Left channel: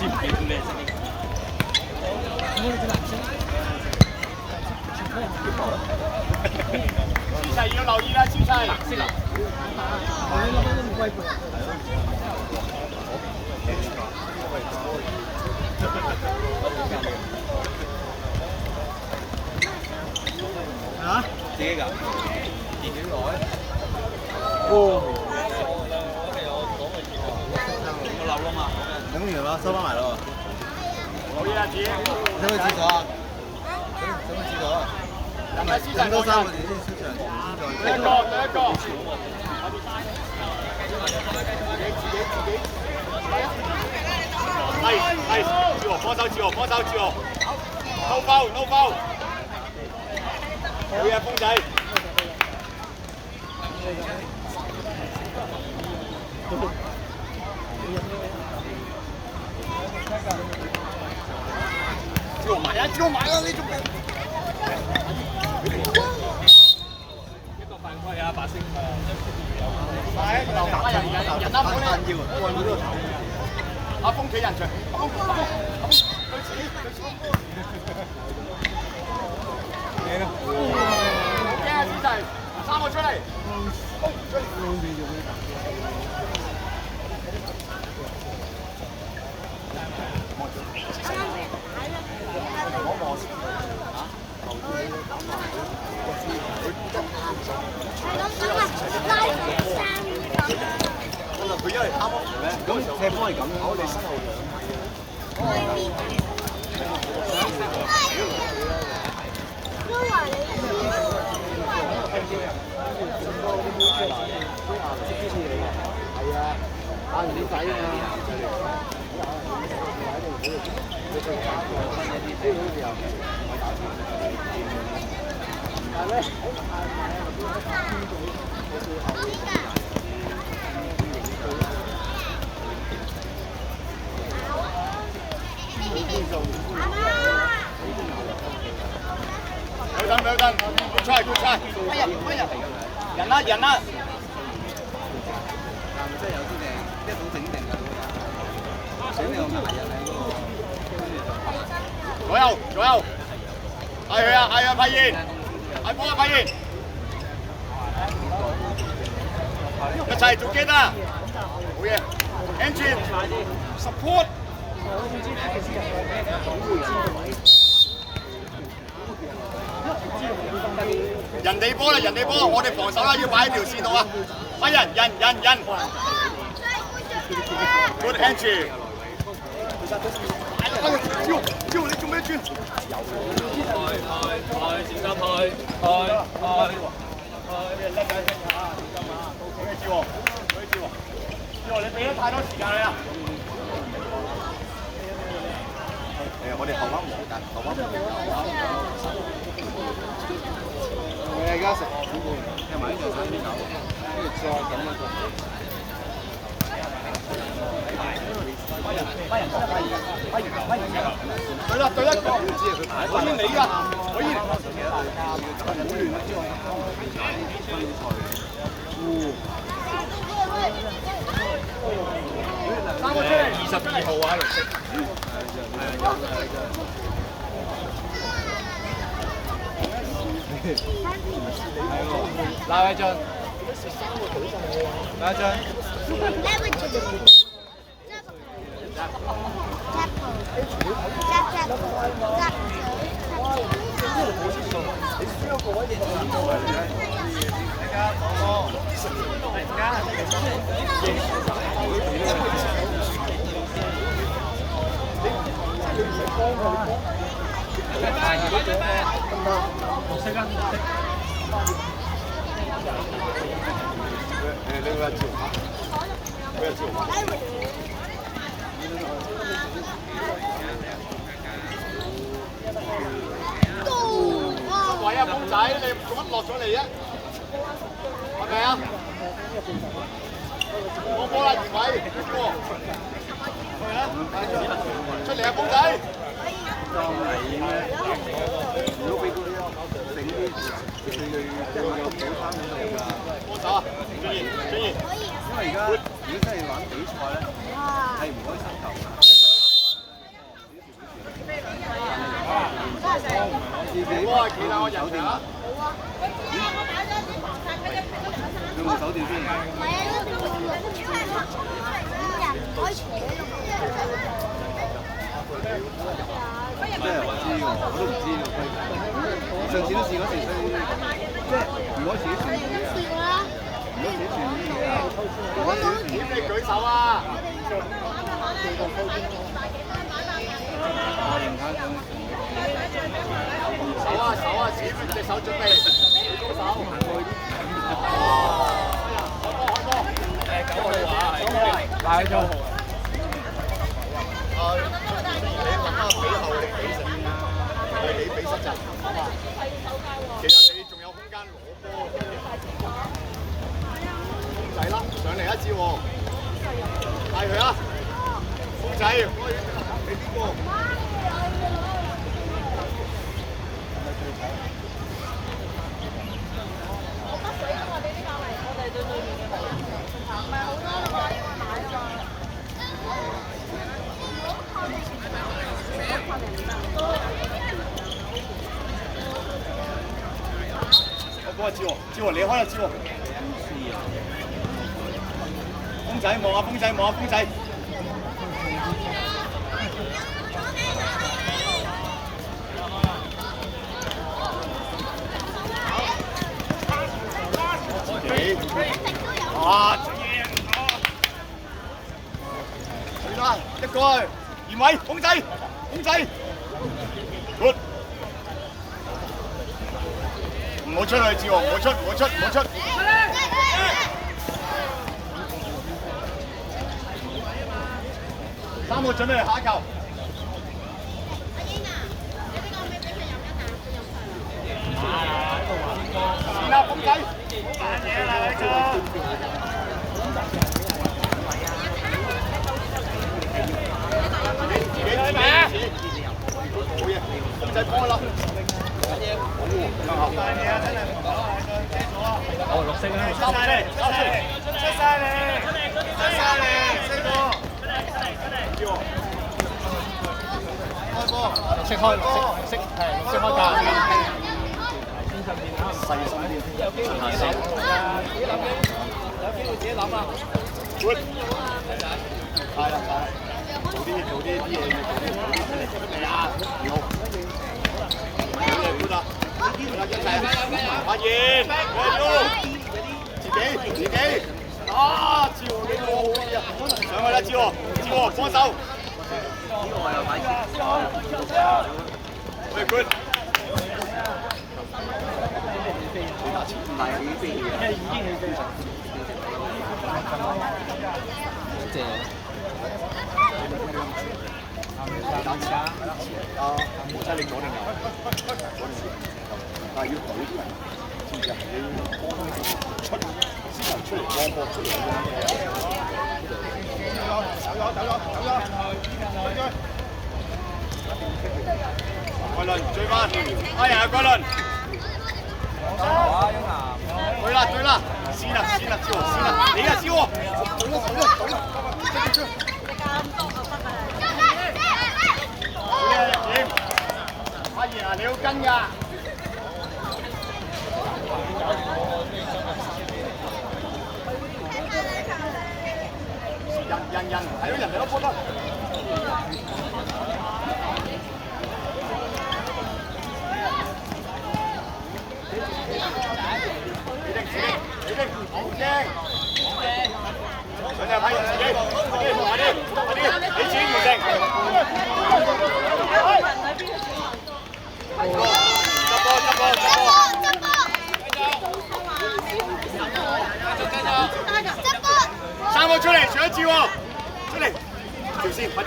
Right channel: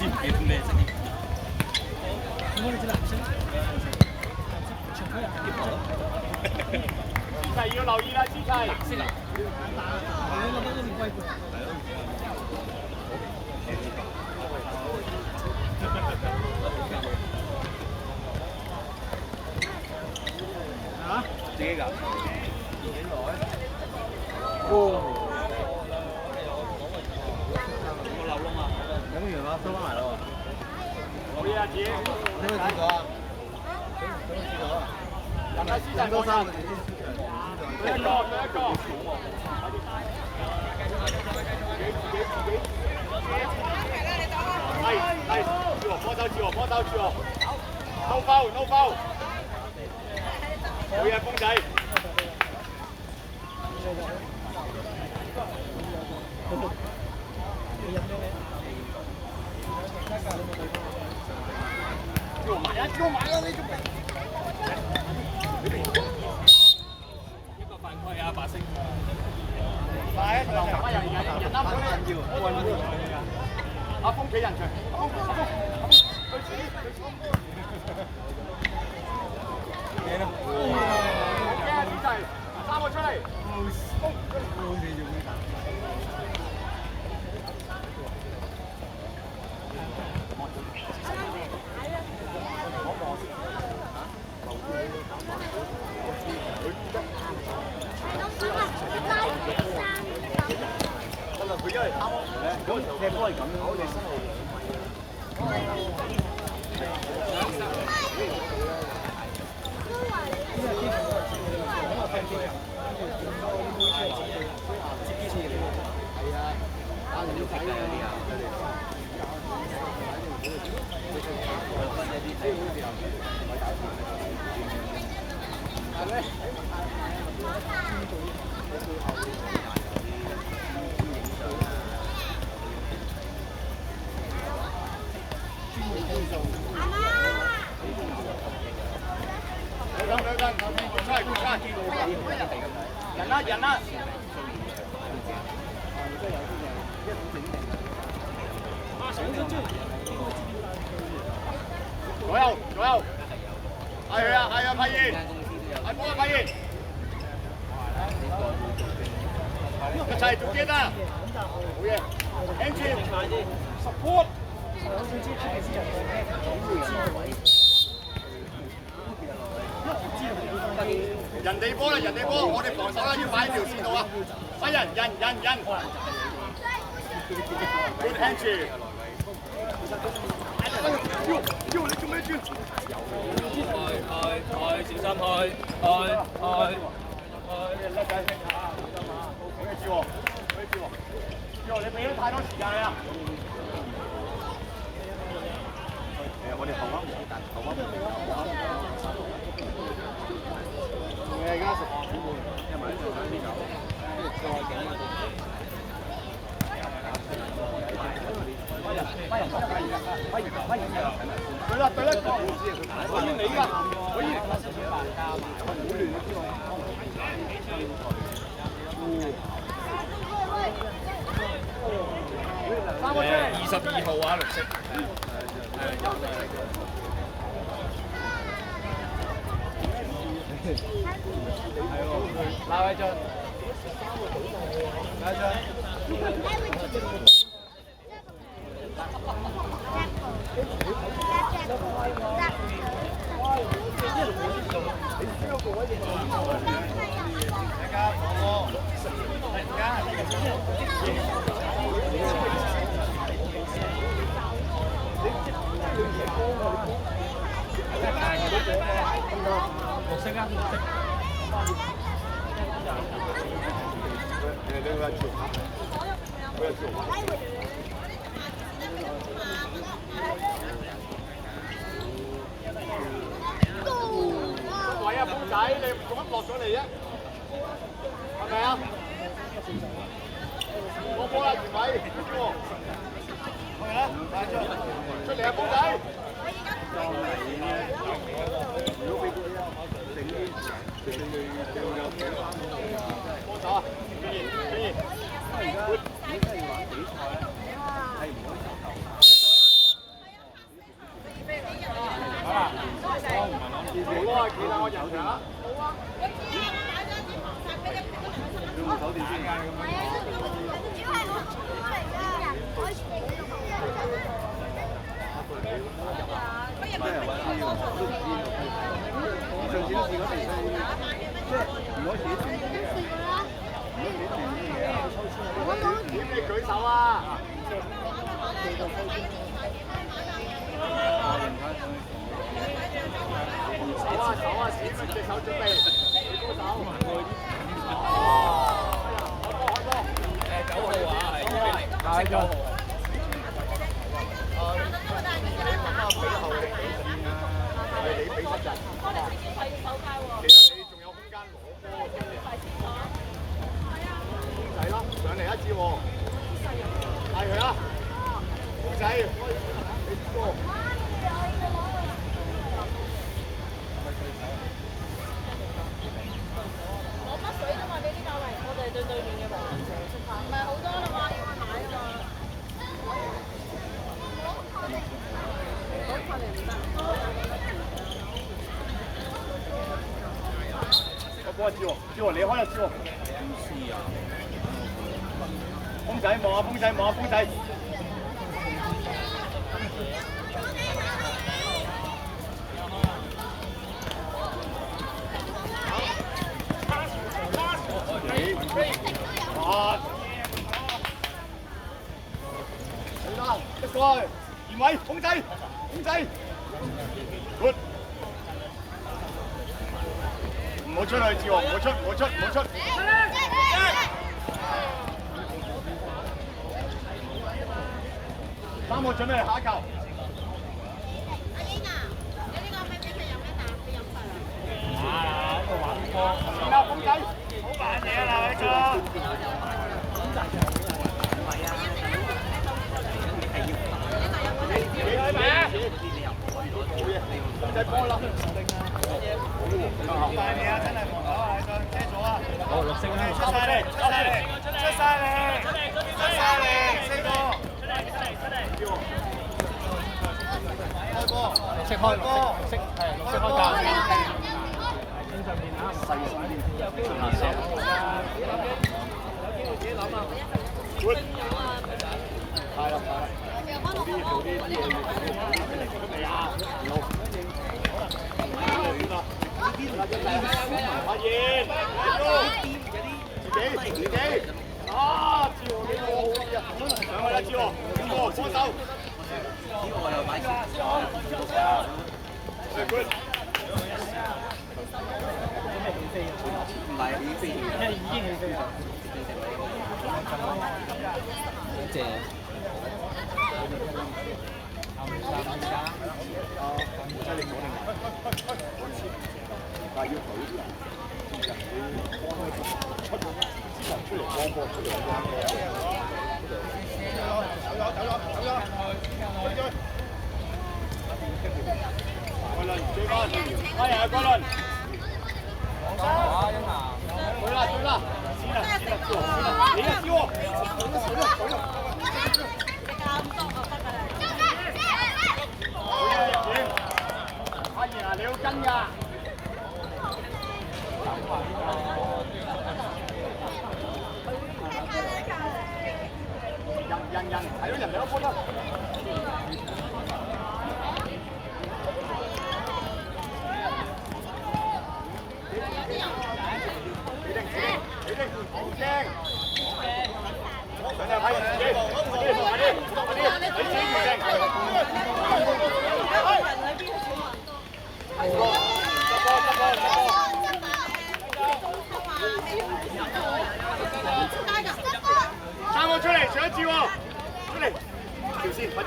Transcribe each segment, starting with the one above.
知唔記得咩聲？思齊要留意啦，思齊。嚇？自己㗎？幾耐？我漏啦嘛，飲完啦，收翻埋咯。留意啊，子。想去廁所啊？想去廁所啊？等多3個字先出場。第一個。係，自我幫手。No foul。好嘢，風仔。叫埋啦！你做咩？一個犯規啊，白星。快！人啱佢咧。阿峰企人場。阿峰。嘢啦。驚啊！子齊，3個出嚟。咁踢波係咁嘅，我哋係啊，打完啲仔啊嘛。係咩？good try，人啦。左右，嗌佢啊，派燕，嗌波啊，派燕，一齊做機啦，好嘢 ，entry support。人哋波，我哋防守啦，要擺喺條線度啊！快人 ，good entry。招你做咩轉？開，小心開。你俾咗太多時間你啦。我哋後彎唔好大，後彎。而家食聽埋呢條睇邊搞，跟住再咁啊！對啦，可以你㗎，可以。好亂啊！3個出嚟，22號啊，綠色。拉一張。落咗嚟啊！係咪啊？冇波啦，二位，係啊！出嚟啊，公仔！啊，專業，因為而家真係玩比賽咧，係唔可以殺頭。點你舉手啊！手啊手啊，指住隻手準備。9號啊，大9號。你俾實陣，其實你仲有空間攞波。風仔啦，上嚟一次喎，帶佢啦，風仔，你邊個？我北水啫嘛，俾啲教嚟，我哋對面嘅唔係好多啦嘛，因為買啊嘛。我接喎，接喎，你開啦，接喎。風仔望下風仔，望下風仔。啊！好啦，一個，嚴偉，風仔，風仔 ，good。唔好出去，志豪，唔好出，唔好出，唔好出。3個準備下一球。阿英啊，你呢個可唔可以俾佢飲一啖？佢飲曬啦。啊，喺度玩波。先啦，風仔。好玩嘢啦，做。風仔幫啦。哦，綠色啦，收晒你，收晒你，出晒你，出晒你，4個，開波，綠色開，綠色係綠色開價，天上邊啊，10月11號有機會自己諗啊，good，快啦快，做啲嘢，係啊，好。發現，自己，啊！志豪你個好嘢啊！上去啦，志豪幫手。good。唔係起飛，已經起飛咗。謝。真係講得明。但係要睇啲人，其實你出嚟幫波出嚟。桂倫追翻，哎呀桂倫，對啦，先啦，超，你啊超，阿爺啊，你好跟㗎。人睇到人哋都波得。你好驚。上嚟睇自己，你自己完成。3個出嚟，上一次喎，出嚟，條線，快啲。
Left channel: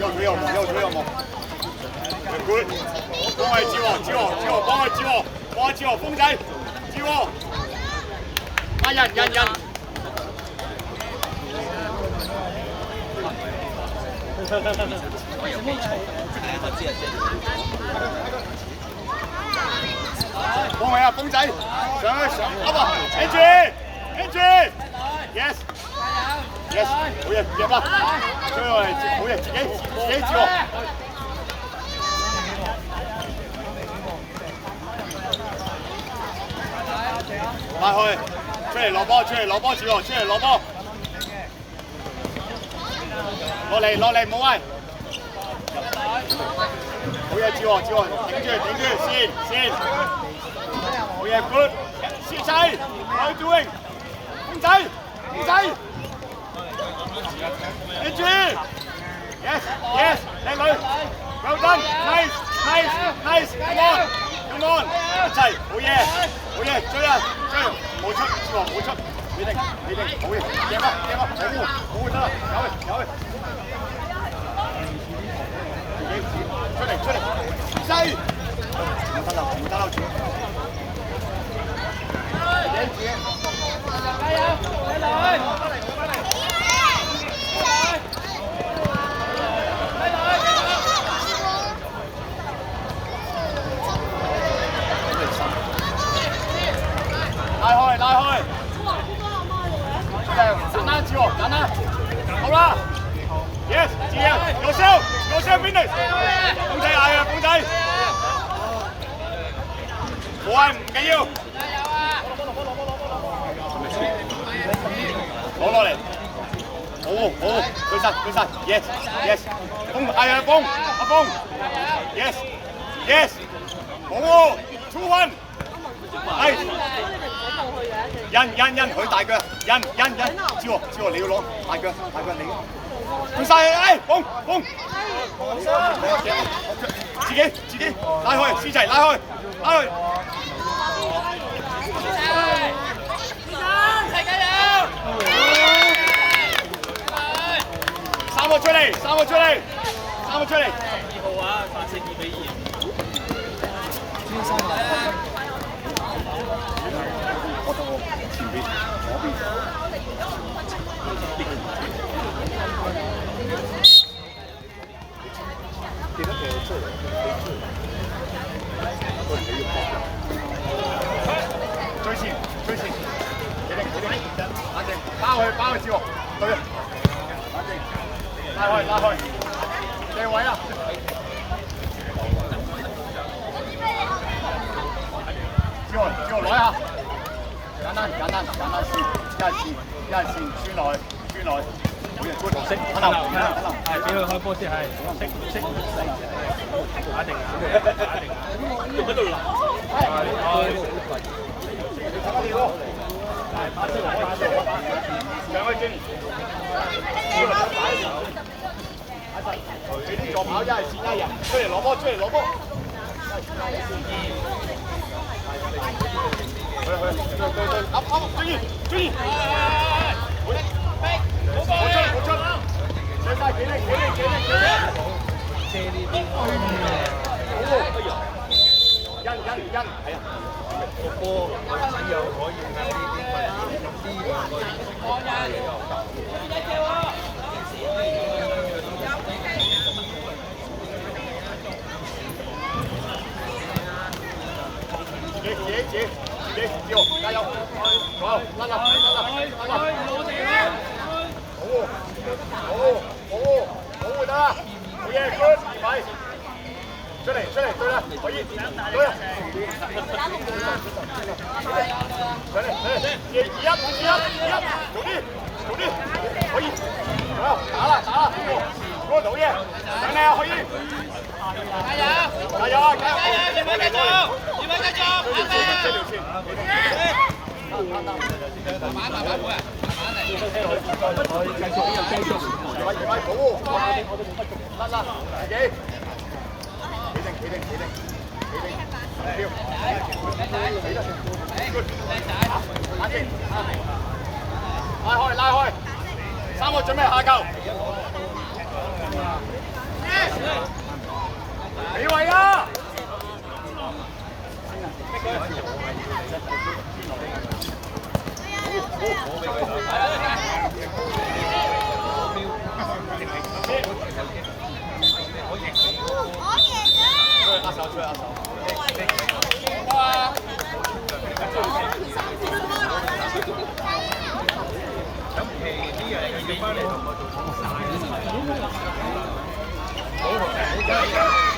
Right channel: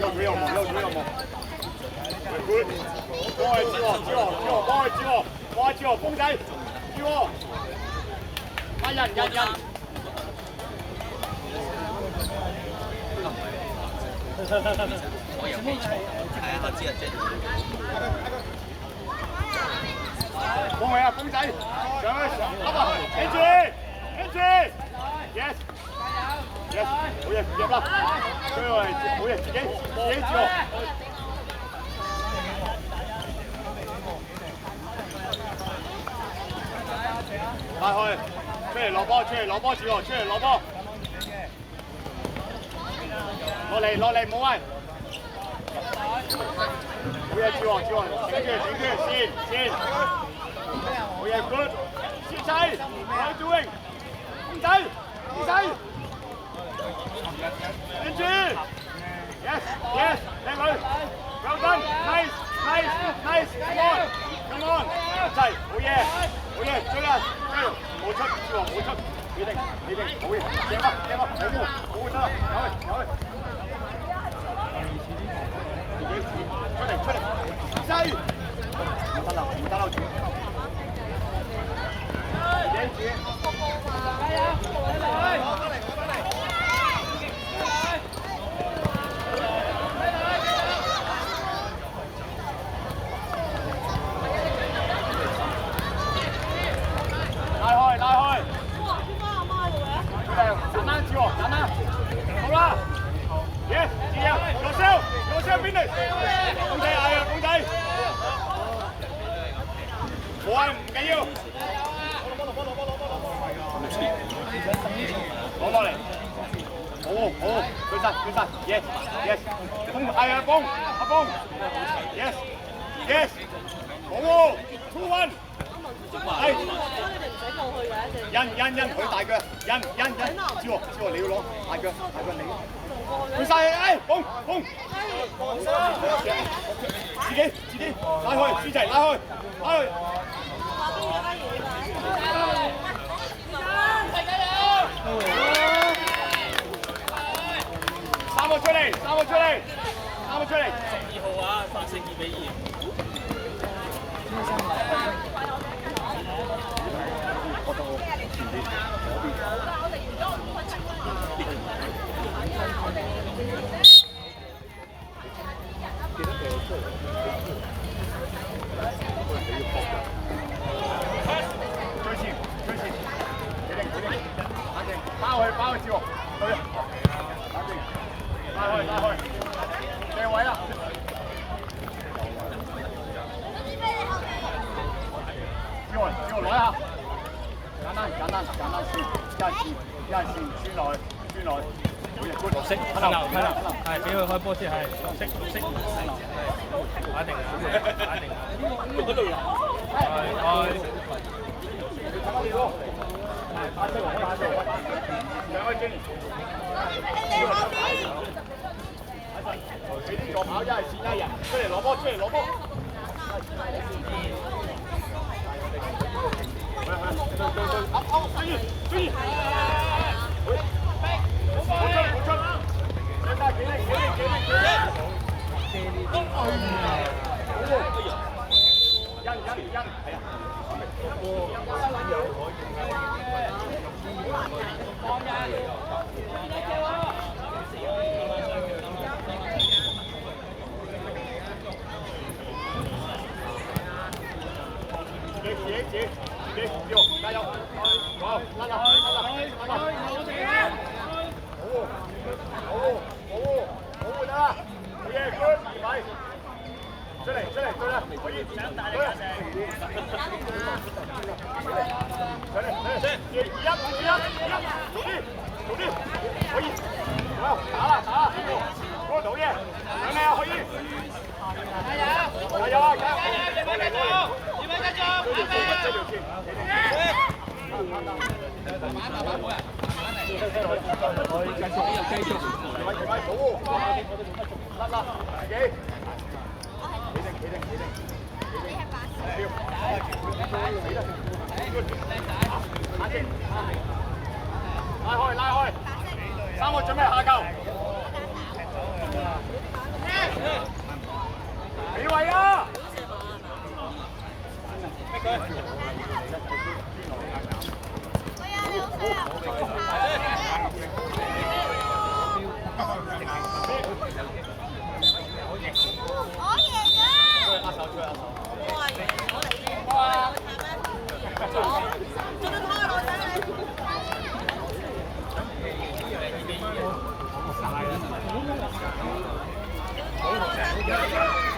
有冇？good， 幫佢志豪，幫佢志豪，風仔，志豪，人。幫佢啊，風仔，上，Andrew，yes。Yes，好嘢，入啦！追落嚟，好嘢，自己接喎。拉開，出嚟攞波，出嚟攞波，接喎，出嚟攞波。落嚟，冇位。好嘢，接喎，頂住，先。好嘢 ，good。小仔 ，how you doing？ 公仔，跟住 ，yes，靚女 ，well done，nice，come on， 一齊，好嘢，追啊，冇出，你定，好嘢，贏咯，好得啦，有去，出嚟，西，唔得啦，拉開！哇！點解阿媽用嘅？簡單接喎，好啦 ，yes， 接啊，攞聲 finish， 公仔嗌啊，公仔，冇啊，唔緊要。攞落嚟，好，舉晒 ，yes， 風係啊，阿風 ，yes， 好 ，2 1， 係，印，佢大腳，印，知喎，你要攞大腳你，舉晒，風，自己，拉開，舒齊拉開。三個出嚟！12號啊，反勝2比2。包去接喎，對啊，拉開，你位啊！接喎，攞一下，簡單線，一人線轉落去，好嘢，觀識，係俾佢開波先，係識，打定，仲喺度鬧，兩位經理，你左跑一係線一人，出嚟攞波，追，追，加油！好，得啦，好得啦，好嘢 ，good， 快，出嚟，對啦，可以，對啦，嚟，可以，打啦，嗰度嘅，等你啊，可以，加油啊！拉開，3個準備下球，俾位啊！而家。